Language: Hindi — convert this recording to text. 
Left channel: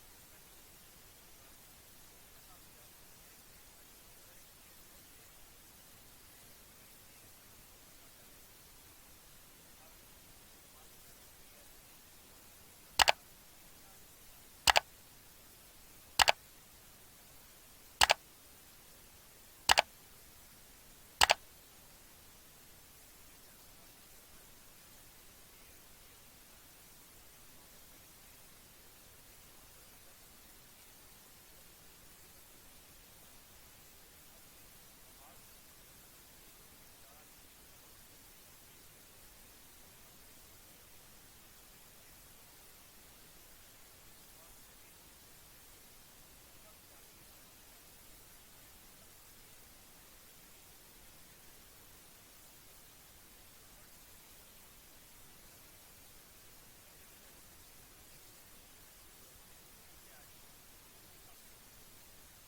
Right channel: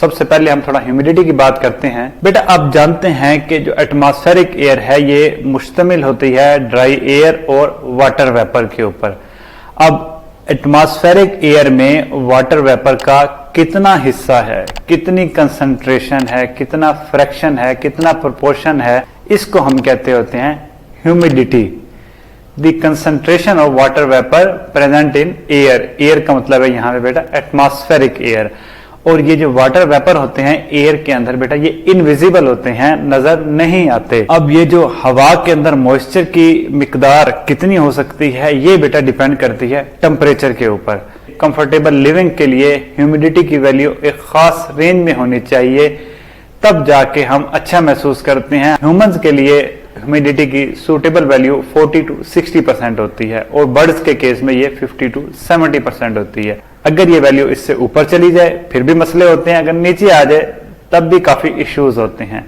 सबसे पहले हम थोड़ा ह्यूमिडिटी की बात करते हैं। बेटा आप जानते हैं कि जो एटमॉस्फेरिक एयर है ये मुश्तमिल होती है ड्राई एयर और वाटर वेपर के ऊपर। अब एटमॉस्फेरिक एयर में वाटर वेपर का कितना हिस्सा है, कितनी कंसंट्रेशन है, कितना फ्रैक्शन है, कितना प्रोपोर्शन है, इसको हम कहते होते हैं humidity. The concentration of water vapour present in air. Air का मतलब है यहाँ पे बेटा एटमॉस्फेरिक एयर। और ये जो वाटर वेपर होते हैं एयर के अंदर बेटा ये इनविजिबल होते हैं, नजर नहीं आते। अब ये जो हवा के अंदर मॉइस्चर की मिकदार कितनी हो सकती है ये बेटा डिपेंड करती है टेम्परेचर के ऊपर। कंफर्टेबल लिविंग के लिए ह्यूमिडिटी की वैल्यू एक खास रेंज में होनी चाहिए, तब जाके हम अच्छा महसूस करते हैं। ह्यूमंस के लिए ह्यूमिडिटी की सूटेबल वैल्यू 40 to 60% होती है और बर्ड्स के केस में ये 50 to 70% होती है। अगर ये वैल्यू इससे ऊपर चली जाए फिर भी मसले होते हैं, अगर नीचे आ जाए तब भी काफी इश्यूज होते हैं।